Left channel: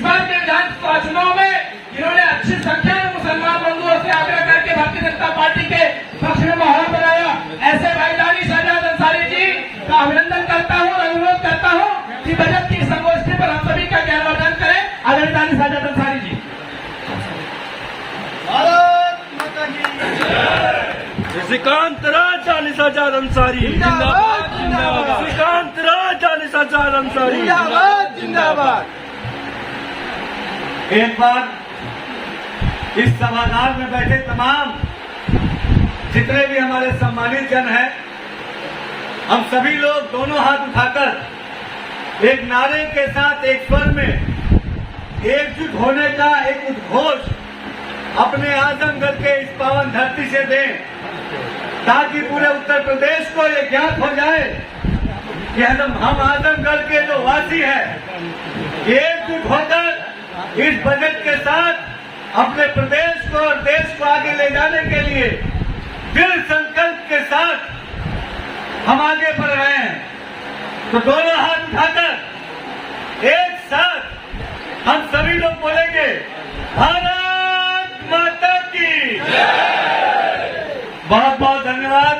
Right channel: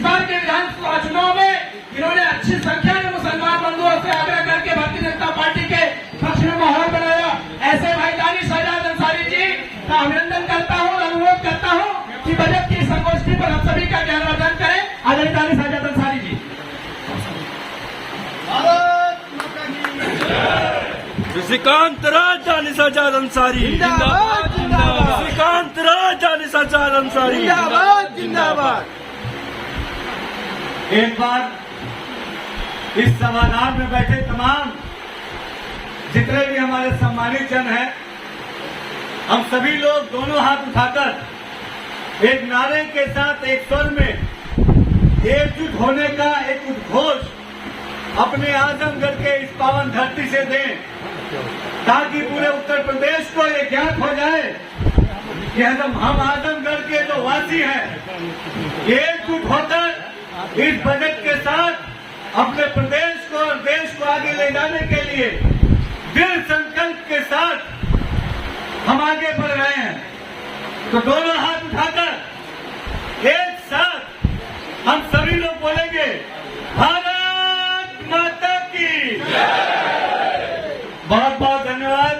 इस बार के विधानसभा चुनाव में इन्होंने अच्छी संख्या में मुसलमान बंधुओं से आग्रह करके भारतीय जनता पार्टी के पक्ष में माहौल बनाया। ऐसे भाई दानिश आजाद अंसारी जी का अभिनंदन करता हूँ और अनुरोध करता हूँ कि बजट की संगोष्ठी पर हम सभी का ज्ञानवर्धन करें। आदरणीय दानिश आजाद अंसारी जी। श्रीकांत राज दानिश आजाद अंसारी जिंदाबाद जिंदाबाद। श्रीकांत राज दानिश आजाद अंसारी जिंदाबाद जिंदाबाद। एक बार इस सभागार में बैठे तमाम जितने भी हमारे सम्मानित जन हैं, हम सभी लोग दोनों हाथ उठाकर एक नारे के साथ एक स्वर में एकजुट होने का एक उद्घोष अपने आजमगढ़ के इस पावन धरती से दें, ताकि पूरे उत्तर प्रदेश को ये ज्ञात हो जाए कि हम आजमगढ़ के जो वासी हैं, एकजुट होकर इस बजट के साथ अपने प्रदेश को और देश को आगे ले जाने के लिए दृढ़ संकल्प के साथ हम आगे बढ़ रहे हैं। तो दोनों हाथ उठाकर एक साथ हम सभी लोग बोलेंगे, भारत माता की बहुत बहुत धन्यवाद।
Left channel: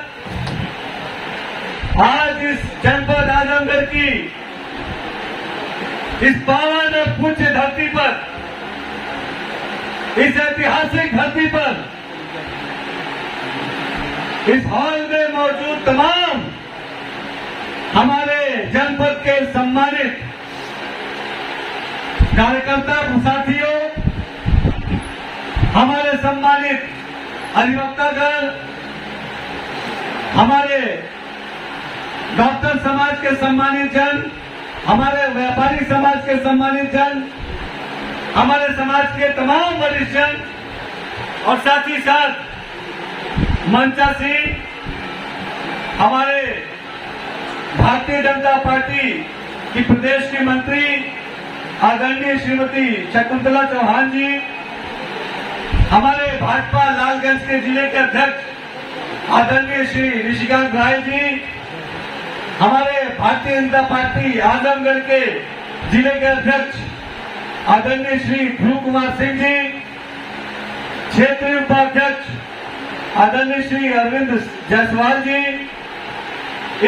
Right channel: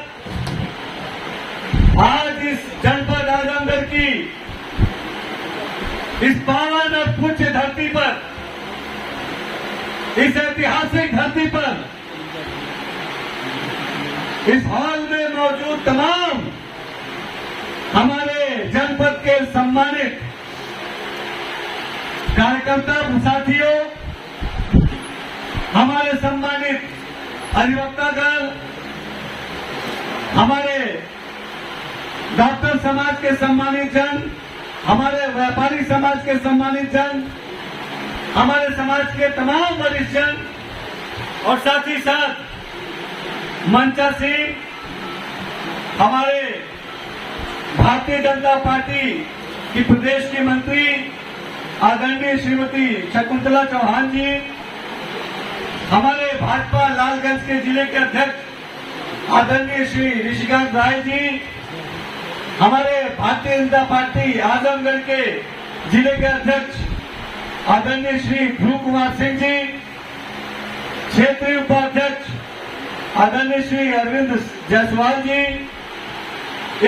आज इस जनपद आजमगढ़ की इस पावन और पूज्य धरती पर, इस ऐतिहासिक धरती पर, इस हॉल में मौजूद तमाम हमारे जनपद के सम्मानित कार्यकर्ता साथियों, हमारे सम्मानित अधिवक्तागण, हमारे डॉक्टर समाज के सम्मानित जन, हमारे व्यापारी समाज के सम्मानित जन, हमारे समाज के तमाम वरिष्ठ जन और साथ ही साथ मंचासीन हमारे भारतीय जनता पार्टी की प्रदेश की मंत्री आदरणीय श्रीमती शकुंतला चौहान जी, हमारे भाजपा लालगंज के जिले के अध्यक्ष आदरणीय श्री ऋषिकांत राय जी, हमारे भारतीय जनता पार्टी आजमगढ़ के जिले के अध्यक्ष आदरणीय श्री ध्रुव कुमार सिंह जी, क्षेत्रीय उपाध्यक्ष आदरणीय श्री अरविंद जायसवाल जी,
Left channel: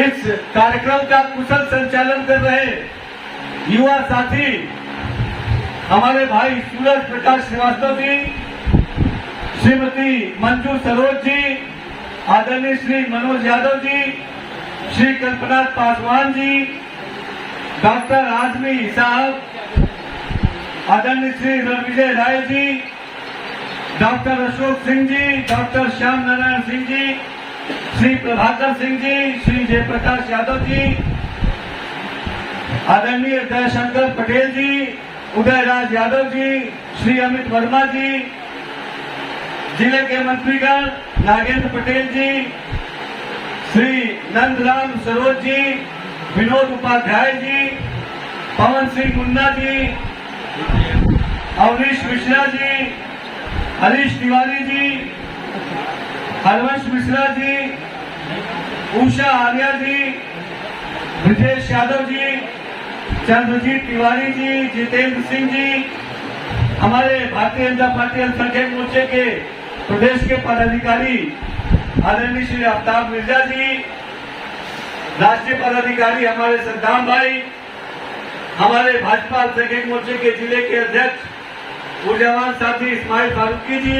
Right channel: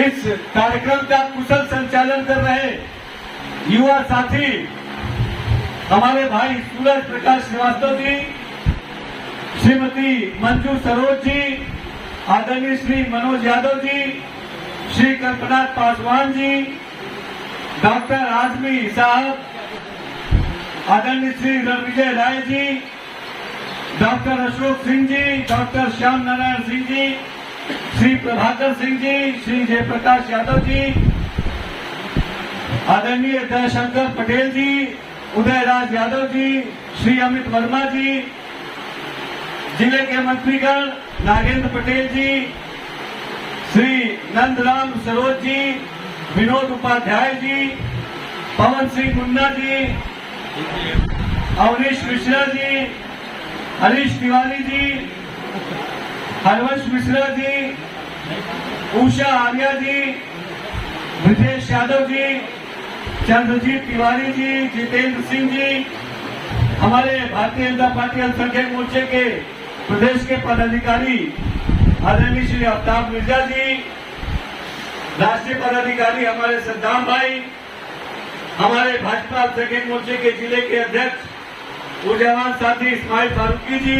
इस कार्यक्रम का कुशल संचालन कर रहे युवा साथी हमारे भाई सूरज प्रकाश श्रीवास्तव जी, श्रीमती मंजू सरोज जी, आदरणीय श्री मनोज यादव जी, श्री कल्पनाथ पासवान जी, डॉक्टर आजमी साहब, आदरणीय श्री रणविजय राय जी, डॉक्टर अशोक सिंह जी, डॉक्टर श्याम नारायण सिंह जी, श्री प्रभाकर सिंह जी, श्री जयप्रकाश यादव जी, आदरणीय दयाशंकर पटेल जी, उदयराज यादव जी, श्री अमित वर्मा जी, जिले के मंत्रीगण नागेंद्र पटेल जी, श्री नंदराम सरोज जी, विनोद उपाध्याय जी, पवन सिंह मुन्ना जी, अवनीश मिश्रा जी, हरीश तिवारी जी, हरवंश मिश्रा जी, उषा आर्या जी, ब्रजेश यादव जी, चंद्रजीत तिवारी जी, जितेंद्र सिंह जी, हमारे भारतीय जनता पार्टी अल्पसंख्यक मोर्चे के प्रदेश के पदाधिकारी आदरणीय श्री आफ्ताब मिर्जा जी, राष्ट्रीय पदाधिकारी हमारे सद्दाम भाई, हमारे भाजपा अल्पसंख्यक मोर्चे के जिले के अध्यक्ष ऊर्जावान साथी इस्माइल फारूकी जी,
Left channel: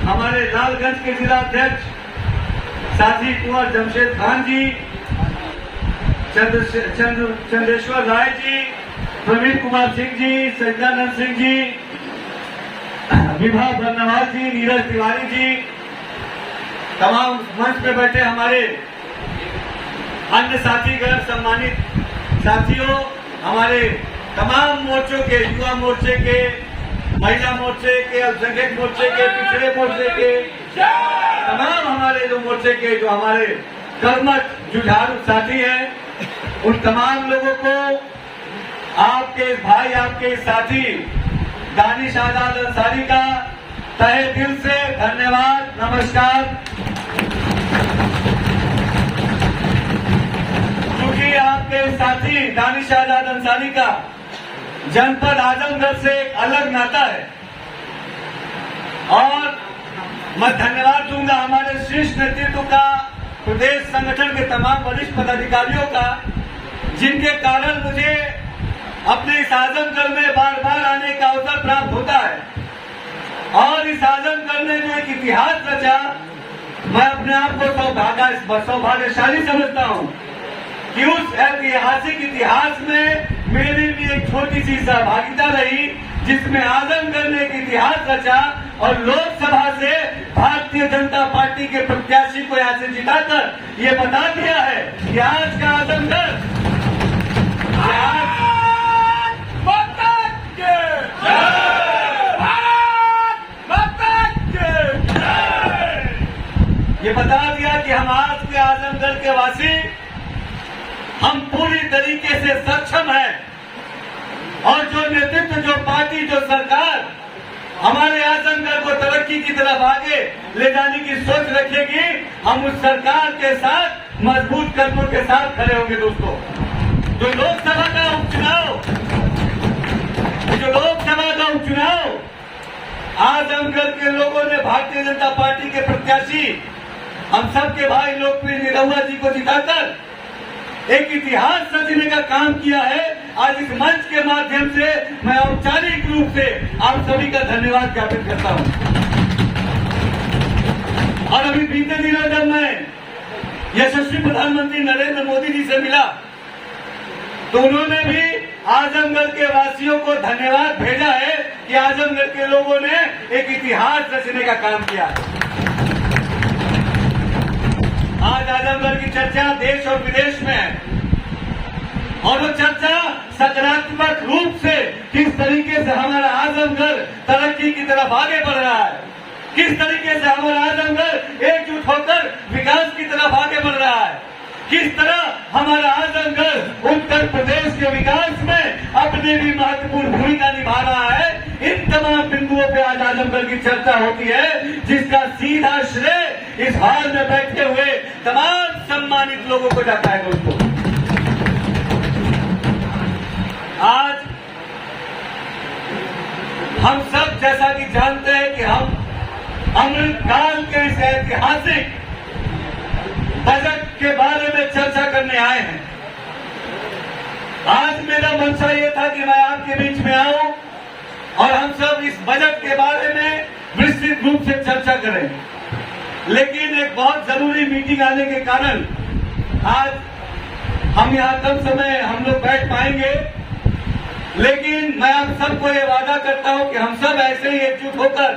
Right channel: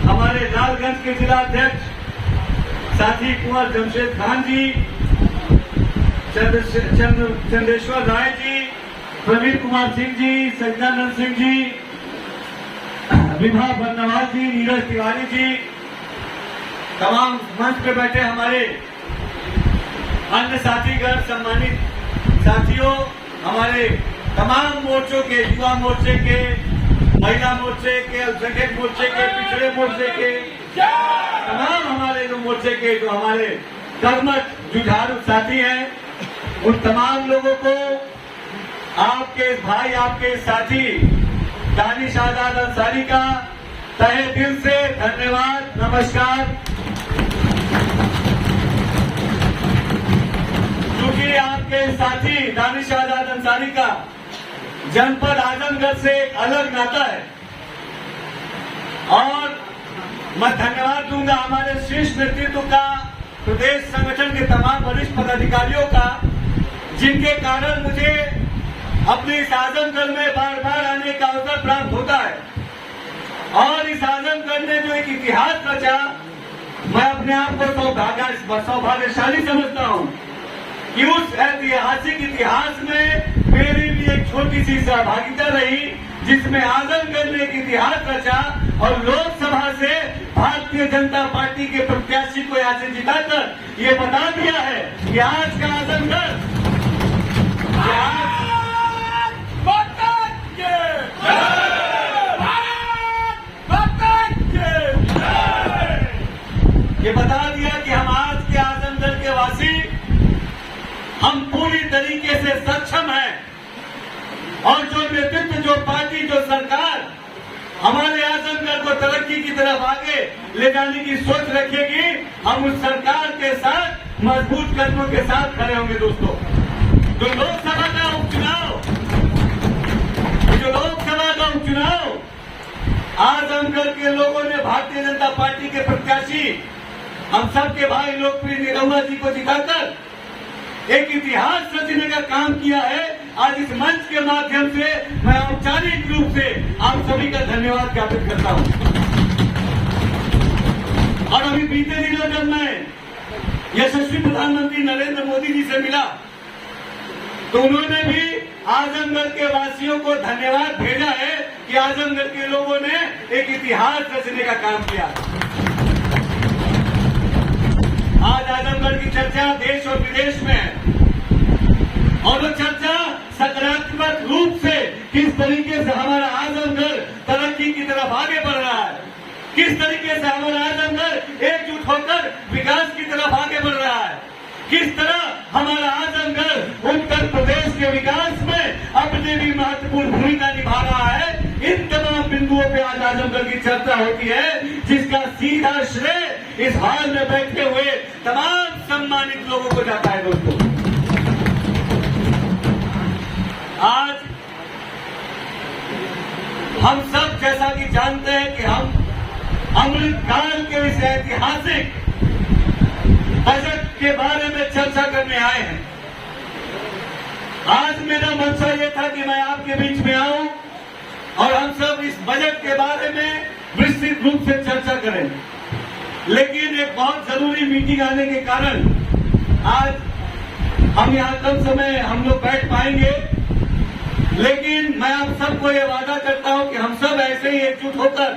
हमारे लालगंज के जिला अध्यक्ष साथी कुंवर जमशेद खान जी, चंद्रेश्वर राय जी, प्रवीण कुमार सिंह जी, सज्जानंद सिंह जी, विभा बर्नवाल जी, नीरज तिवारी जी, तमाम मंच पे बैठे हमारे अन्य साथीगण, सम्मानित साथियों, हमारे तमाम मोर्चों के, युवा मोर्चे के, महिला मोर्चे के, अल्पसंख्यक मोर्चे के, पिछड़े मोर्चे के, तमाम हमारे जो मोर्चे के जो हमारे कर्मठ जुझारू साथी हैं, उन तमाम लोगों को आपके भाई, आपके साथी दानिश आजाद अंसारी का तहे दिल से धन्यवाद, नमस्कार। क्योंकि आपके साथी दानिश आजाद अंसारी का जनपद आजमगढ़ से एक अलग नाता है और मैं धन्यवाद दूंगा हमारे शीर्ष नेतृत्व का, प्रदेश संगठन के तमाम वरिष्ठ पदाधिकारियों का, जिनके कारण मुझे अपने इस आजमगढ़ में बार बार आने का अवसर प्राप्त होता है। और इस आजमगढ़ ने जो एक इतिहास रचा, मैं अपने आप को सौभाग्यशाली समझता हूं कि उस ऐतिहासिक इतिहास में मेरी भी एक छोटी सी सहभागिता रही, जिसमें आजमगढ़ ने एक इतिहास रचा और लोकसभा से भारतीय जनता पार्टी के प्रत्याशी को यहाँ से जिताकर ये बता दिया है कि आज का आजमगढ़ ये बता दिया कि हम आज के आजमगढ़ के वासी हम पूरी तरीके से सक्षम हैं और जो नेतृत्व, जो पार्टी, जो सरकार हमारे आजमगढ़ को तरक्की की तरफ आगे ले जाने की सोच रखेगी, हम उस सरकार के साथ मजबूत कदमों के साथ खड़े होंगे। दोस्तों, जो लोकसभा का उपचुनाव आजमगढ़ के लोगों ने भारतीय जनता पार्टी के प्रत्याशी, हम सबके भाई लोकप्रिय निरहुआ जी को जिताकर एक इतिहास रचने का काम किया है। आज इस मंच के माध्यम से मैं औपचारिक रूप से आप सभी का धन्यवाद ज्ञापित करता हूं। और अभी बीते दिनों जब मैं यशस्वी प्रधानमंत्री नरेंद्र मोदी जी से मिला तो उन्होंने भी आजमगढ़ के वासियों को धन्यवाद भेजा है कि आजमगढ़ के लोगों ने एक इतिहास रचने का काम किया। आज आजमगढ़ की चर्चा देश और विदेश में है और वो चर्चा सकारात्मक रूप से किस तरीके से हमारा आजमगढ़ तरक्की की तरफ आगे बढ़ रहा है, किस तरीके से हमारा आजमगढ़ एकजुट होकर विकास की तरफ आगे बढ़ रहा है, किस तरह हमारा आजमगढ़ उत्तर प्रदेश के विकास में अपनी भी महत्वपूर्ण भूमिका निभा रहा है। इन तमाम बिंदुओं पे आज आजमगढ़ की चर्चा होती है, जिसका सीधा श्रेय इस हाल में बैठे हुए तमाम सम्मानित लोगों को जाता है। दोस्तों, आज हम सब जैसा कि जानते हैं कि हम अमृतकाल के इस ऐतिहासिक बजट के बारे में चर्चा करने आए हैं। आज मेरा मंशा ये था कि मैं आपके बीच में आऊं और हम सब इस बजट के बारे में विस्तृत रूप से चर्चा करें, लेकिन एक बहुत जरूरी मीटिंग आने के कारण आज हम यहाँ कम समय हम लोग बैठ पाएंगे। लेकिन मैं आप सबको ये वादा करता हूं कि हम सब ऐसे ही एकजुट होकर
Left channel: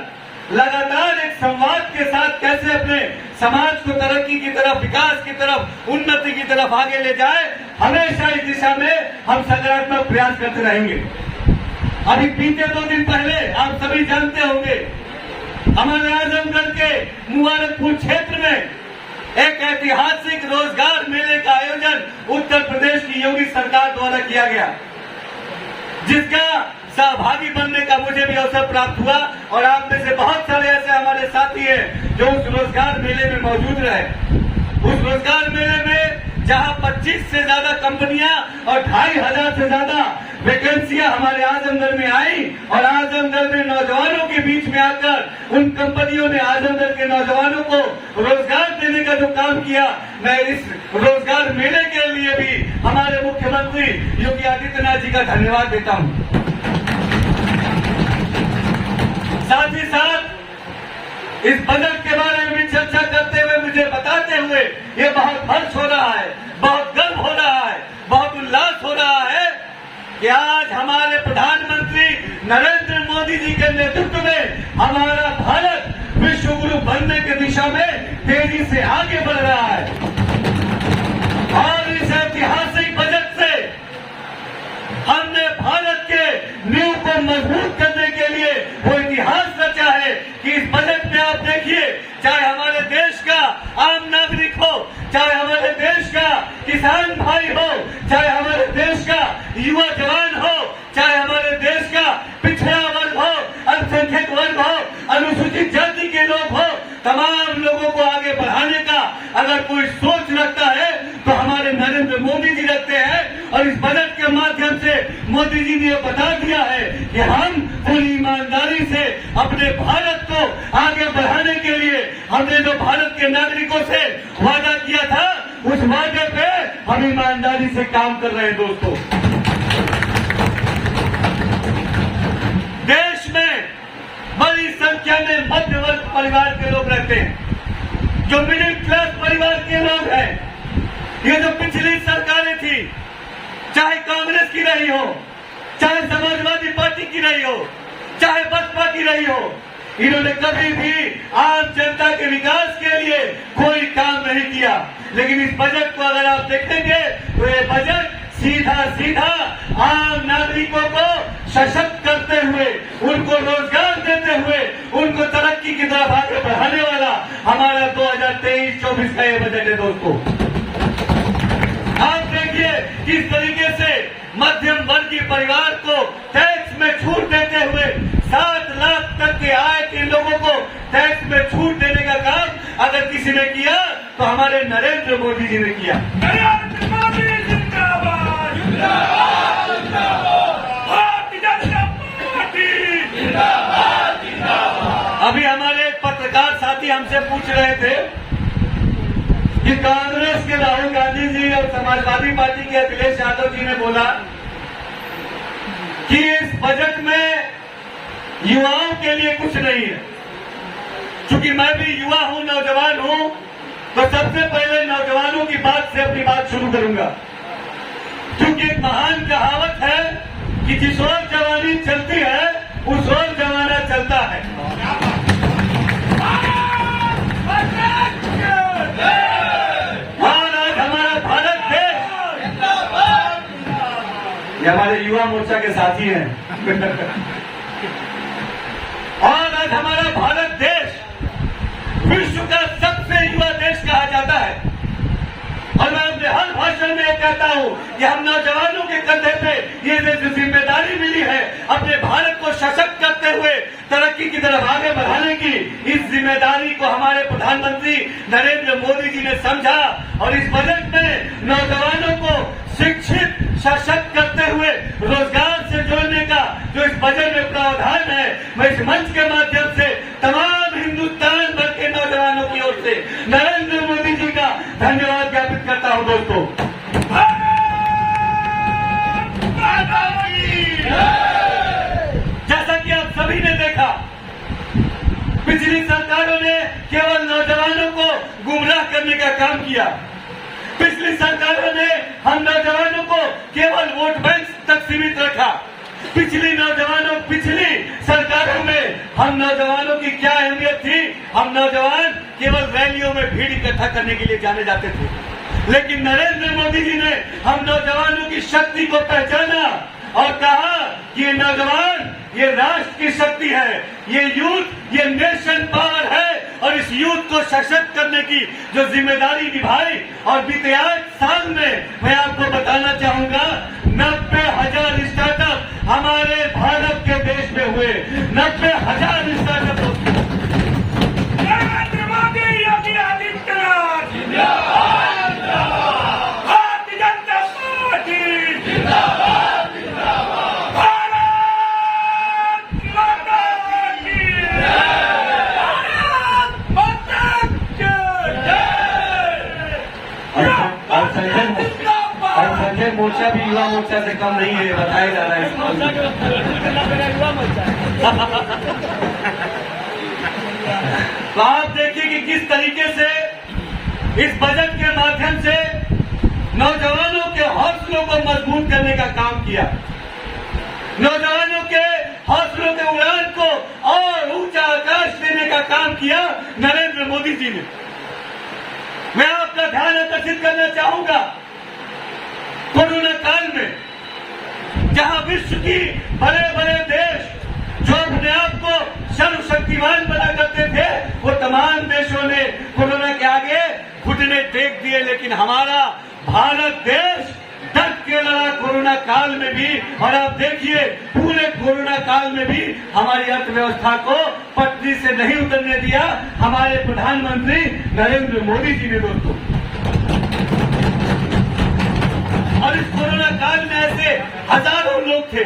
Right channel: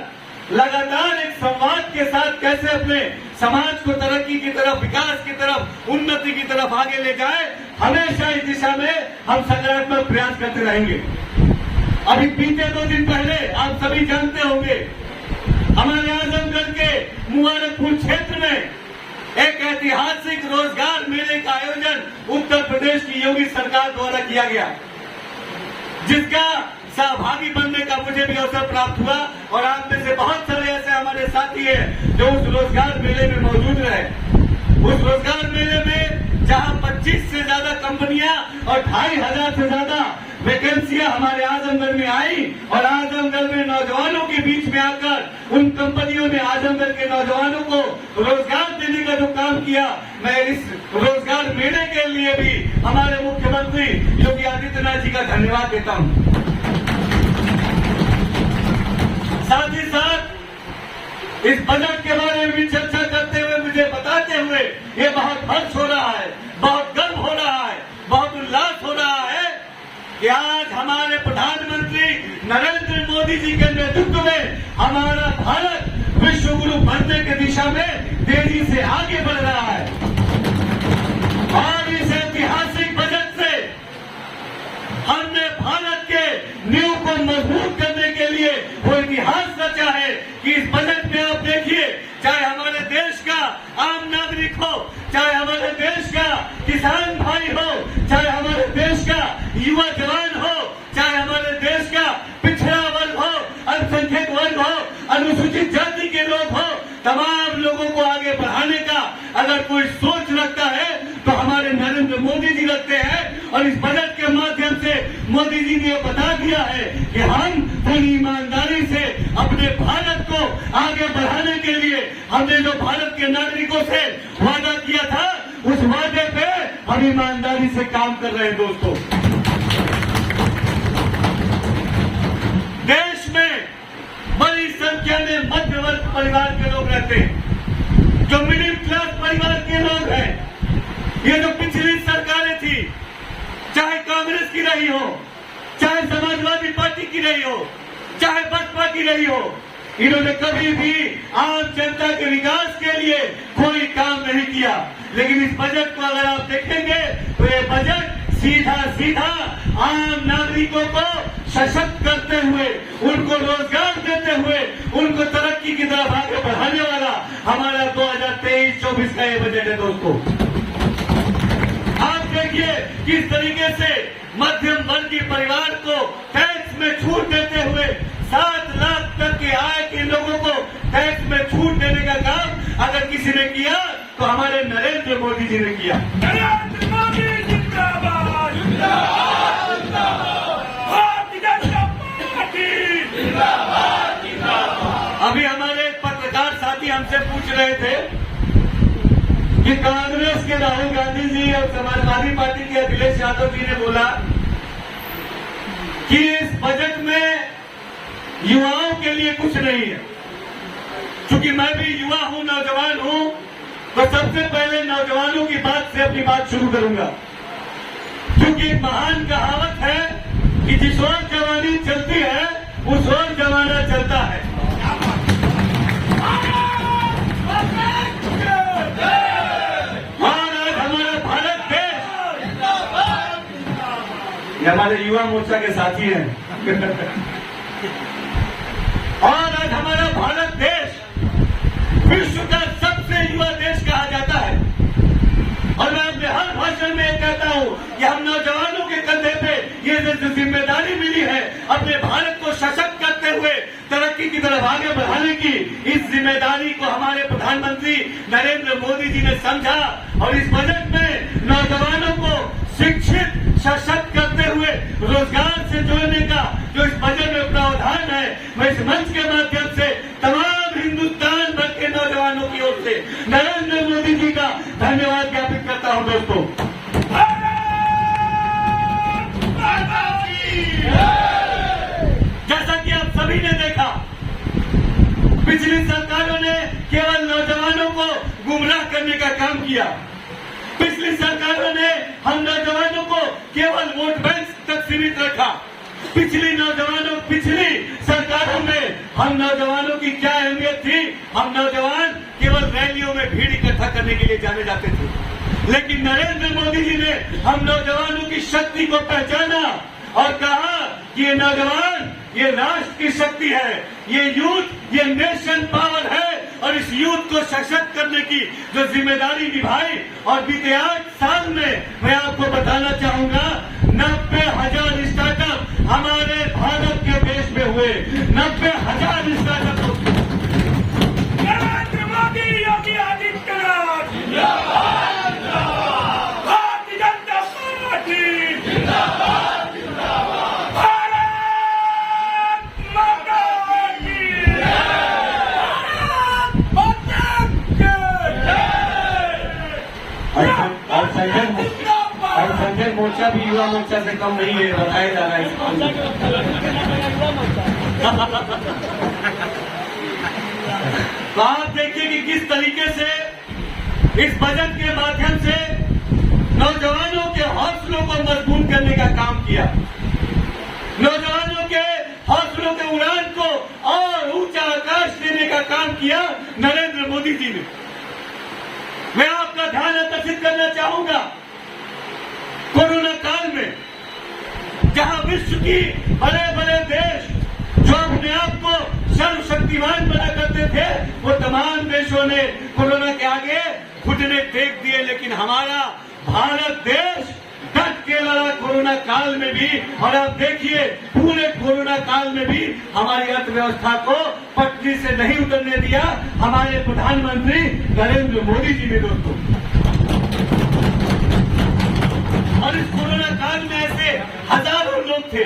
लगातार एक संवाद के साथ कैसे अपने समाज को तरक्की की तरफ, विकास की तरफ, उन्नति की तरफ आगे ले जाए, हमेशा इस दिशा में हम सकारात्मक प्रयास करते रहेंगे। अभी बीते 2 दिन पहले आप सभी जानते होंगे, हमारे आजमगढ़ के मुबारकपुर क्षेत्र में एक ऐतिहासिक रोजगार मेले का आयोजन उत्तर प्रदेश की योगी सरकार द्वारा किया गया, जिसका सहभागी बनने का मुझे भी अवसर प्राप्त हुआ और आप में से बहुत सारे ऐसे हमारे साथी हैं जो उस रोजगार मेले में मौजूद रहे। उस रोजगार मेले में जहां 25 से ज्यादा कंपनियां और 2500 से ज्यादा वैकेंसियां हमारे आजमगढ़ में आई और आजमगढ़ में नौजवानों के बीच में आकर उन कंपनियों ने आजमगढ़ के नौजवानों को रोजगार देने का जो काम किया, मैं इस रोजगार मेले के लिए भी हमारे मुख्यमंत्री योगी आदित्यनाथ जी का धन्यवाद देता हूं। साथ ही साथ इस बजट के बारे में भी चर्चा करते हुए, मुझे बताते हुए ये बहुत हर्ष हो रहा है, बहुत गर्व हो रहा है, बहुत उल्लास हो रहा है कि आज हमारे प्रधानमंत्री नरेंद्र मोदी जी के नेतृत्व में हमारा भारत विश्व गुरु बनने की दिशा में तेजी से आगे बढ़ रहा है। और इस ऐतिहासिक बजट से हमने भारत के नींव को मजबूत करने के लिए वो इतिहास रचा है कि इस बजट में आप देखिए, चाहे हमारे देश का आम नागरिक हो, चाहे हमारे देश का किसान भाई हो, चाहे हमारे देश का युवा जवान हो, चाहे हमारे देश का पिछड़ा वर्ग हो, अल्पसंख्यक वर्ग हो, अनुसूचित जाति के लोग हो, तमाम लोगों को आगे बढ़ाने का अगर कोई सोच रखता है तो हमारे नरेंद्र मोदी जी रखते हैं। और इस बजट के माध्यम से मोदी जी ने बता दिया है कि हम पूरी ईमानदारी से अपने भारत को आगे बढ़ाने के लिए हमने जो भारत के नागरिकों से वादा किया था, उस वादे पे हम ईमानदारी से काम कर रहे हैं। दोस्तों, देश में बड़ी संख्या में मध्य वर्ग परिवार के लोग रहते हैं, जो मिडिल क्लास परिवार के लोग हैं। ये जो पिछली सरकारें थी, चाहे कांग्रेस की रही हो, चाहे समाजवादी पार्टी की रही हो, चाहे बसपा की रही हो, इन्होंने कभी भी आम जनता के विकास के लिए कोई काम नहीं किया। लेकिन इस बजट को अगर आप देखेंगे तो ये बजट सीधा आम नागरिकों को सशक्त करते हुए, उनको रोजगार देते हुए, उनको तरक्की की तरफ आगे बढ़ाने वाला हमारा 2023-24 का ये बजट है। दोस्तों, आप देखिए किस तरीके से मध्यम वर्गीय परिवार को टैक्स में छूट देते हुए 7 लाख तक के आय के लोगों को टैक्स में छूट देने का काम अगर किसी ने किया तो हमारे नरेंद्र मोदी जी ने किया। नरेंद्र मोदी जिंदाबाद, भारतीय जनता पार्टी जिंदाबाद। अभी हमारे पत्रकार साथी हमसे पूछ रहे थे कि कांग्रेस के राहुल गांधी जी और समाजवादी पार्टी के अखिलेश यादव जी ने बोला कि इस बजट में युवाओं के लिए कुछ नहीं है। चूंकि मैं भी युवा हूं, नौजवान हूं, तो सबसे पहले नौजवानों की बात से अपनी बात शुरू करूंगा। क्योंकि एक महान कहावत है कि जिस ओर जवानी चलती है उस ओर जमाना चलता है। और आज हमारा भारत देश, ये हमारे युवा मोर्चा के साथी हैं और आज हमारा भारत देश विश्व का सबसे युवा देश कहा जाता है। और मैं अपने हर भाषण में कहता हूं कि हम नौजवानों के कंधे पे ये जो जिम्मेदारी मिली है अपने भारत को सशक्त करते हुए तरक्की की तरफ आगे बढ़ाने की, इस जिम्मेदारी को हमारे प्रधानमंत्री नरेंद्र मोदी जी ने समझा और इस बजट में नौजवानों को शिक्षित सशक्त करते हुए रोजगार से जोड़ने का जो इस बजट में प्रावधान है, मैं इस मंच के माध्यम से तमाम हिंदुस्तान भर के नौजवानों की ओर से नरेंद्र मोदी जी का धन्यवाद ज्ञापित करता हूं। दोस्तों, जैसा कि आप सभी ने देखा, पिछली सरकारों ने केवल नौजवानों को गुमराह करने का काम किया। पिछली सरकारों ने हम नौजवानों को केवल वोट बैंक तक सीमित रखा। पिछली सरकारों में हम नौजवानों की क्या अहमियत थी? हम नौजवान केवल रैलियों में भीड़ इकट्ठा करने के लिए जाने जाते थे। लेकिन नरेंद्र मोदी जी ने हम नौजवानों की शक्ति को पहचाना और कहा कि ये नौजवान, ये राष्ट्र की शक्ति है, ये यूथ, ये नेशन पावर है और इस यूथ को सशक्त करने की जो जिम्मेदारी निभाई। और बीते 8 साल में मैं आपको बताना चाहूंगा 90,000 स्टार्टअप हमारे भारत के देश में हुए। 90,000 स्टार्टअप। नरेंद्र मोदी, योगी आदित्यनाथ जिंदाबाद, भारतीय जनता पार्टी जिंदाबाद, भारत माता की जय, भारत माता की जय। और संजय मोर्चा भी युवा मोर्चा से कम नहीं है, बताया जा रहा है। तो आप देखिए कि किस तरीके से इस बजट के माध्यम से नौजवानों के हौसलों को मजबूत करने का काम किया। नौजवानों के हौसलों के उड़ान को और ऊंचा आकाश देने का काम किया नरेंद्र मोदी जी ने। मैं आपका ध्यान आकर्षित करना चाहूंगा, कोरोना काल में जहां विश्व की बड़े बड़े देश जो अपने आप को सर्वशक्तिमान बना करते थे, वो तमाम देशों ने कोरोना के आगे घुटने टेक दिए। लेकिन हमारा भारत देश डट के लड़ा कोरोना काल में भी। और आप देखिए पूरे कोरोना काल में भी हमारी अर्थव्यवस्था को पटरी से नहीं उतरने दिया हमारे प्रधानमंत्री नरेंद्र मोदी जी ने। दोस्तों, और इस कोरोना काल में ऐसे हजारों लोग थे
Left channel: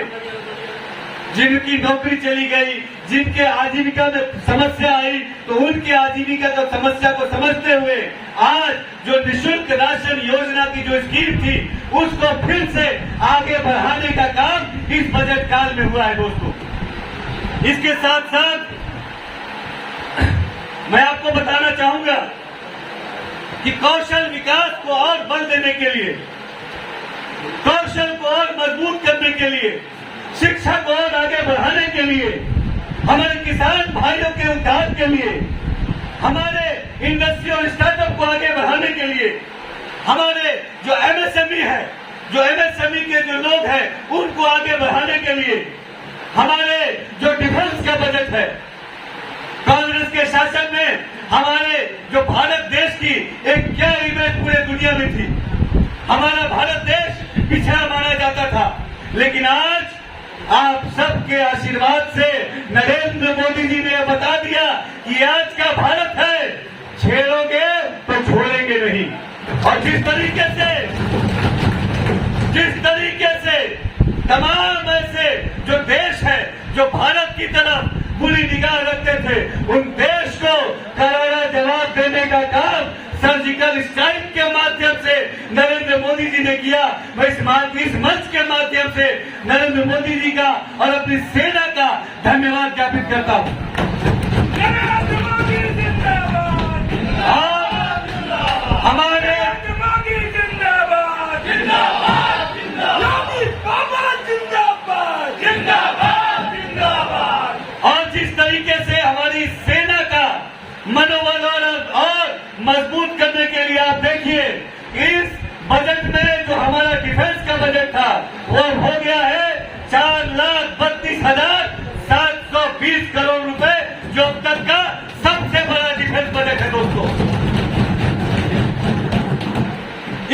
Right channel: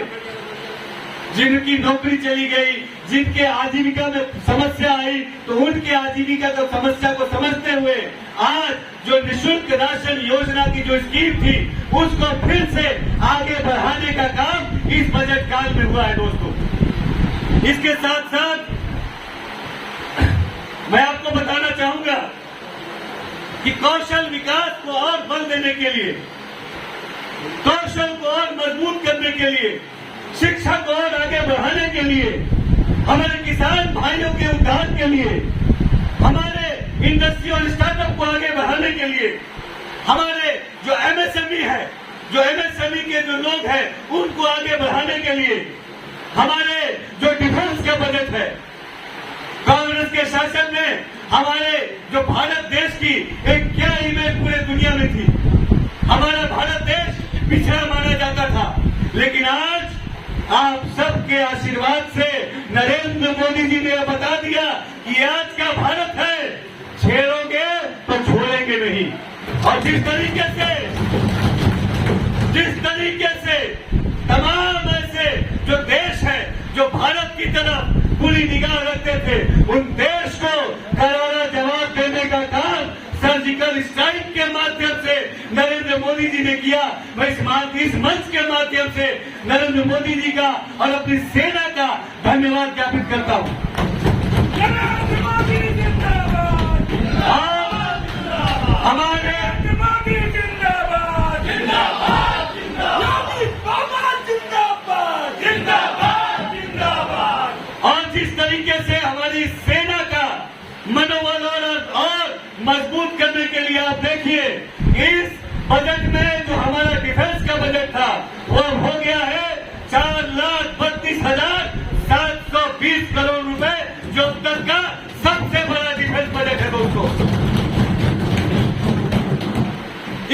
जिनकी नौकरी चली गई, जिनके आजीविका में समस्या आई, तो उनके आजीविका की समस्या को समझते हुए आज जो निःशुल्क राशन योजना की जो स्कीम थी उसको फिर से आगे बढ़ाने का काम इस बजट काल में हुआ है दोस्तों। इसके साथ साथ मैं आपको बताना चाहूंगा कि कौशल विकास को और बल देने के लिए, कौशल को और मजबूत करने के लिए, शिक्षा को और आगे बढ़ाने के लिए, हमारे किसान भाइयों के उद्धार के लिए, हमारे इंडस्ट्री और स्टार्टअप को आगे बढ़ाने के लिए, हमारे जो एमएसएमई है, जो एमएसएमई के जो लोग हैं उनको आगे बढ़ाने के लिए, हमारे जो डिफेंस का बजट है, कांग्रेस के शासन में हमारे जो भारत देश की एक क्या इमेज पूरे दुनिया में थी, हमारा भारत देश पिछड़ा माना जाता था, लेकिन आज आप सबके आशीर्वाद से नरेंद्र मोदी जी ने बता दिया कि आज का भारत है, छेड़ोगे तो छोड़ेंगे नहीं। और जिस तरीके से तमाम ऐसे जो देश है जो भारत की तरफ बुरी निगाह रखते थे, उन देश को करारा जवाब देने का काम सर्जिकल स्ट्राइक के माध्यम से नरेंद्र मोदी जी ने किया। मैं इस मंच के माध्यम से नरेंद्र मोदी जी का और अपनी सेना का धन्यवाद ज्ञापित करता हूं। हमारे और जिस तरीके से हमारी सेना का मनोबल और मजबूत करने के लिए आप देखिए, इस बजट में जो हमारा डिफेंस का बजट था वो हो गया है 4,32,720 करोड़ रुपए, जो अब तक का सबसे बड़ा डिफेंस बजट है दोस्तों।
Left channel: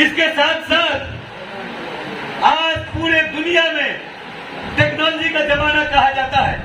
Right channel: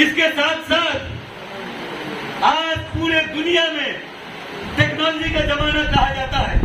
इसके साथ साथ आज पूरे दुनिया में टेक्नोलॉजी का जमाना कहा जाता है।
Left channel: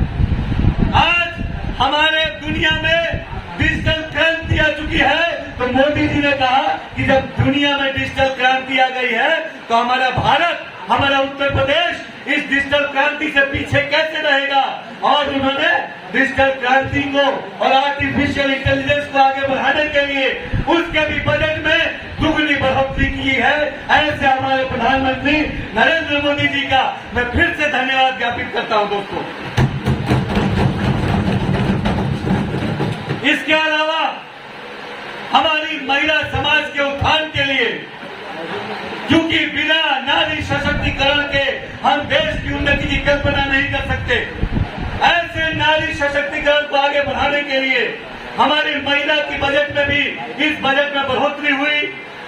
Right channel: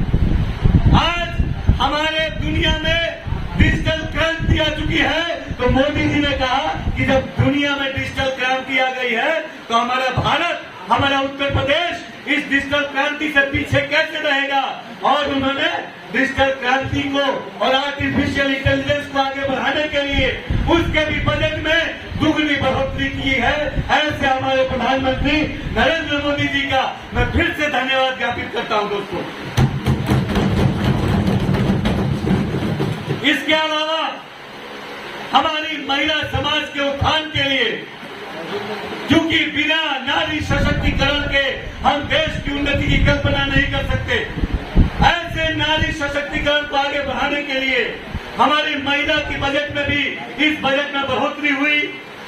आज हमारे दुनिया में डिजिटल क्रांति आ चुकी है, तो मोदी जी ने कहा कि जब दुनिया में डिजिटल क्रांति आ गई है तो हमारा भारत, हमारा उत्तर प्रदेश इस डिजिटल क्रांति से पीछे कैसे रहेगा। और उन्होंने डिजिटल क्रांति को और आर्टिफिशियल इंटेलिजेंस को आगे बढ़ाने के लिए उसके भी बजट में दुगनी बढ़ोतरी की है। ऐसे हमारे प्रधानमंत्री नरेंद्र मोदी जी का मैं फिर से धन्यवाद ज्ञापित करता हूं दोस्तों। इसके अलावा हमारी महिला समाज के उत्थान के लिए, क्योंकि बिना नारी सशक्तिकरण के हम देश की उन्नति की कल्पना नहीं कर सकते, ऐसे नारी सशक्तिकरण को आगे बढ़ाने के लिए हमारी महिला की बजट में भी इस बजट में बढ़ोतरी हुई,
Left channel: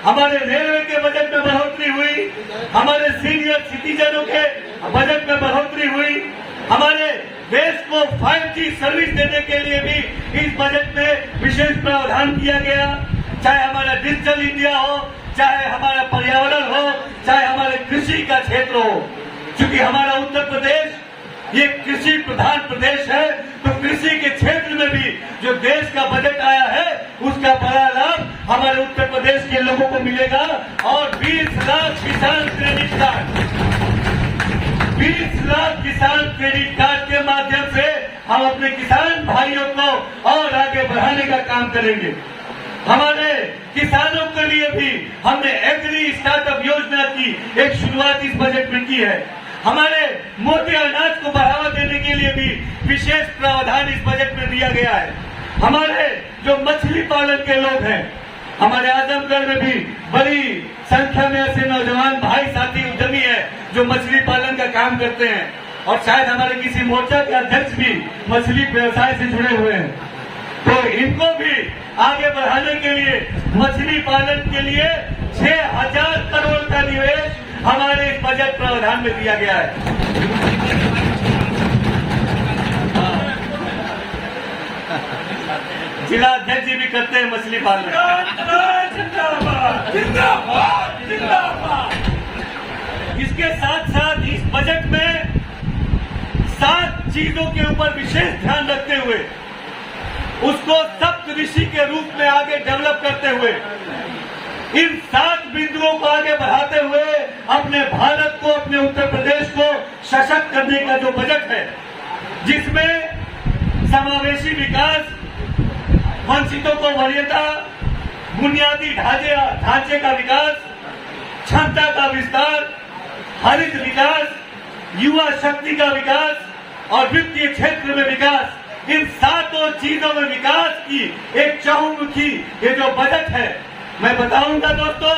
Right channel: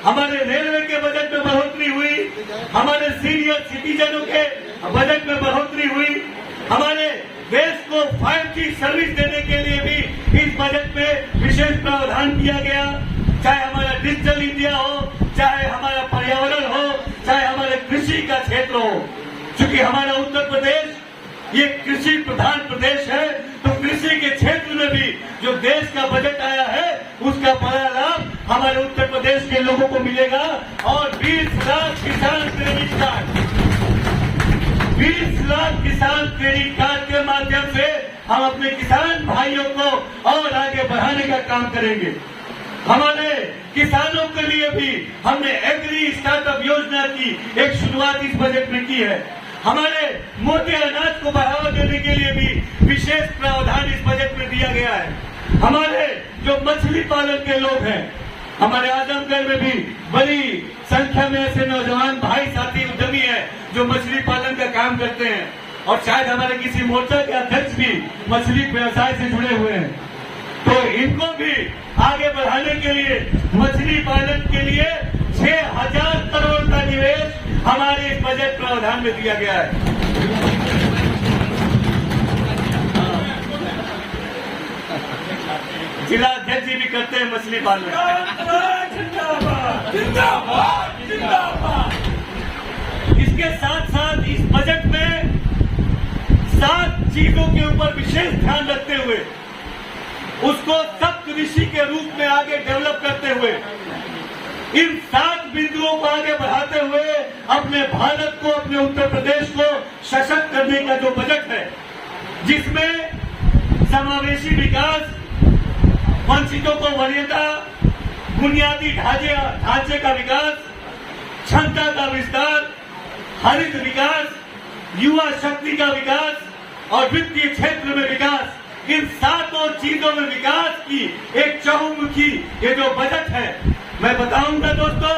हमारे रेलवे के बजट में बढ़ोतरी हुई, हमारे सीनियर सिटीजनों के बजट में बढ़ोतरी हुई, हमारे देश को 5G सर्विस देने के लिए भी इस बजट में विशेष प्रावधान किया गया। चाहे हमारा डिजिटल इंडिया हो, चाहे हमारा पर्यावरण हो, चाहे हमारे कृषि का क्षेत्र हो, क्योंकि हमारा उत्तर प्रदेश ये कृषि प्रधान प्रदेश है, तो कृषि के क्षेत्र में भी जो देश का बजट आया है उसका बड़ा लाभ हमारे उत्तर प्रदेश के लोगों को मिलेगा। और 20 लाख किसान क्रेडिट कार्ड, 20 लाख किसान क्रेडिट कार्ड के माध्यम से हम अपने किसान भाइयों को और आगे बढ़ाने का काम करेंगे। हमारे किसानों के लिए भी हमने एग्री स्टार्टअप योजना की एक शुरुआत इस बजट में की है। हमारे मोटे अनाज को बढ़ावा देने के लिए भी विशेष प्रावधान इस बजट में दिया गया है। हमारे जो मछली पालन के लोग हैं, हमारे आजमगढ़ में भी बड़ी संख्या में ऐसे नौजवान भाई साथी उद्यमी हैं जो मछली पालन का काम करते हैं, और शायद हमारे किसी मोर्चा के अध्यक्ष भी मछली व्यवसाय से जुड़े हुए हैं। तो इनको भी आगे बढ़ाने के लिए मछली पालन के लिए 6,000 करोड़ का निवेश हमारे इस बजट प्रावधान में दिया गया है। जिला अध्यक्ष जी भी करते हैं मछली पालन। जिंदाबाद जिंदाबाद जिंदाबाद। इसके साथ साथ इस बजट में 7 चीजों के ऊपर विशेष ध्यान रखते हुए उसको सप्तऋषि के रूप में आगे डेवलप करते हुए इन 7 बिंदुओं को आगे बढ़ाते हुए अपने भारत को, अपने उत्तर प्रदेश को सशक्त करने का जो बजट है, जिसमें समावेशी विकास, वंचितों को वरीयता, बुनियादी ढांचे का विकास, क्षमता का विस्तार, हरित विकास, युवा शक्ति का विकास और वित्तीय क्षेत्र में विकास, इन 7 चीजों में विकास की एक चहुमुखी ये जो बजट है, मैं बताऊंगा दोस्तों,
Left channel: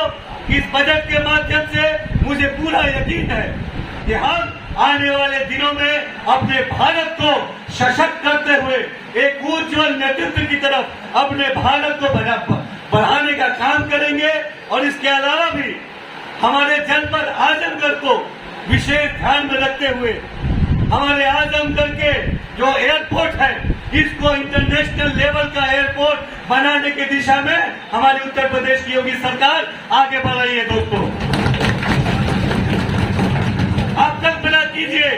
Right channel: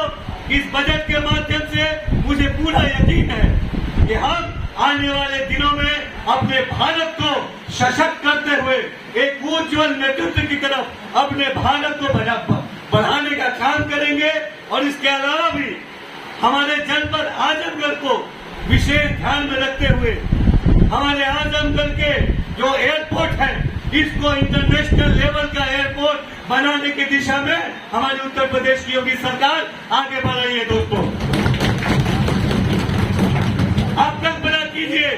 इस बजट के माध्यम से मुझे पूरा यकीन है कि हम आने वाले दिनों में अपने भारत को सशक्त करते हुए एक उज्जवल नेतृत्व की तरफ अपने भारत को बढ़ाने का काम करेंगे। और इसके अलावा भी हमारे जनपद आजमगढ़ को विशेष ध्यान में रखते हुए हमारे आजमगढ़ के जो एयरपोर्ट है, इसको इंटरनेशनल लेवल का एयरपोर्ट बनाने की दिशा में हमारी उत्तर प्रदेश की योगी सरकार आगे बढ़ रही है। दोस्तों, आप कल्पना कीजिए,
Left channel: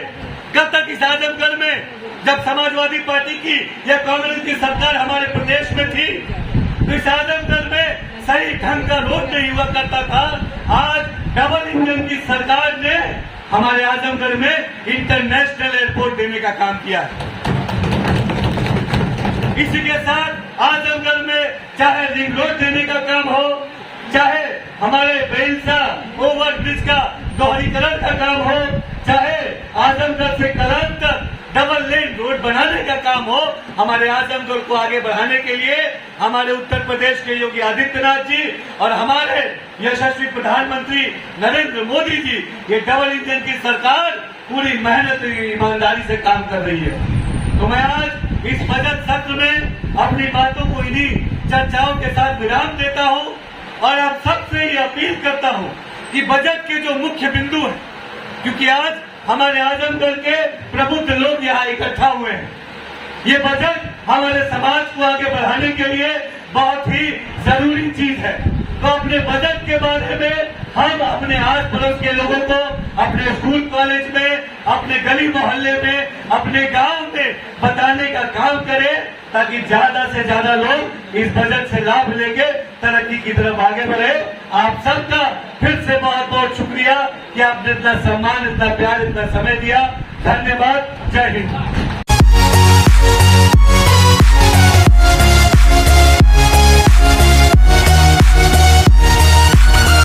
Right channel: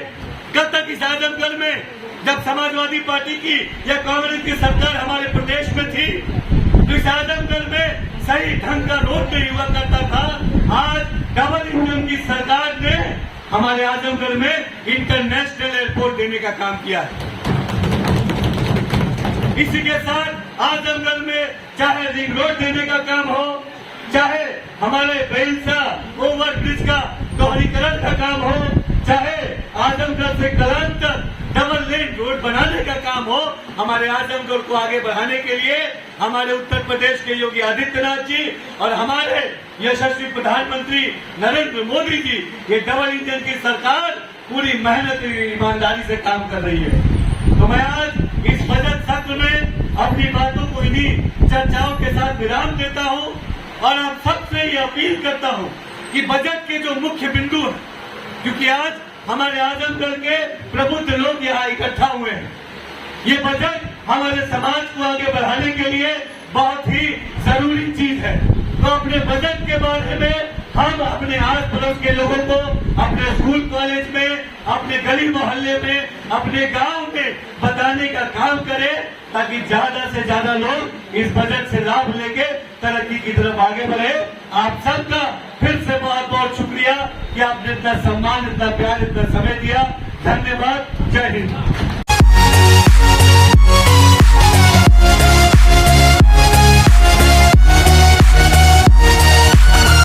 कब तक इस आजमगढ़ में जब समाजवादी पार्टी की या कांग्रेस की सरकार हमारे प्रदेश में थी, तो इस आजमगढ़ में सही ढंग का रोड नहीं हुआ करता था। आज डबल इंजन की सरकार ने हमारे आजमगढ़ में इंटरनेशनल एयरपोर्ट देने का काम किया है। इसी के साथ आजमगढ़ में चाहे रिंग रोड देने का काम हो, चाहे हमारे बेलसा ओवरब्रिज का दोहरीकरण का काम हो, चाहे आजमगढ़ से कलान तक डबल लेन रोड बनाने का काम हो, हमारे आजमगढ़ को आगे बढ़ाने के लिए हमारे उत्तर प्रदेश के योगी आदित्यनाथ जी और हमारे यशस्वी प्रधानमंत्री नरेंद्र मोदी जी, ये डबल इंजन की सरकार पूरी मेहनत ईमानदारी से काम कर रही है। तो मैं आज इस बजट सत्र में अपनी बातों को इन्हीं चर्चाओं के साथ विराम देता हूं और आप सबसे ये अपील करता हूं कि बजट के जो मुख्य बिंदु हैं, क्योंकि आज हमारे आजमगढ़ के प्रबुद्ध लोग यहाँ इकट्ठा हुए हैं, ये बजट हमारे समाज को आगे बढ़ाने के लिए बहुत ही जरूरी चीज है। तो अपने बजट के बारे में हम अपने आस पड़ोस के लोगों को अपने स्कूल कॉलेज में, अपने गली मोहल्ले में, अपने गांव में बताने का काम करें, ताकि ज्यादा से ज्यादा लोग इस बजट से लाभ लेके तरक्की की तरफ आगे बढ़े। आप सबका फिर से बहुत बहुत शुक्रिया कि आपने इतना सम्मान, इतना प्यार, इतना समय दिया। धन्यवाद। जय हिंद।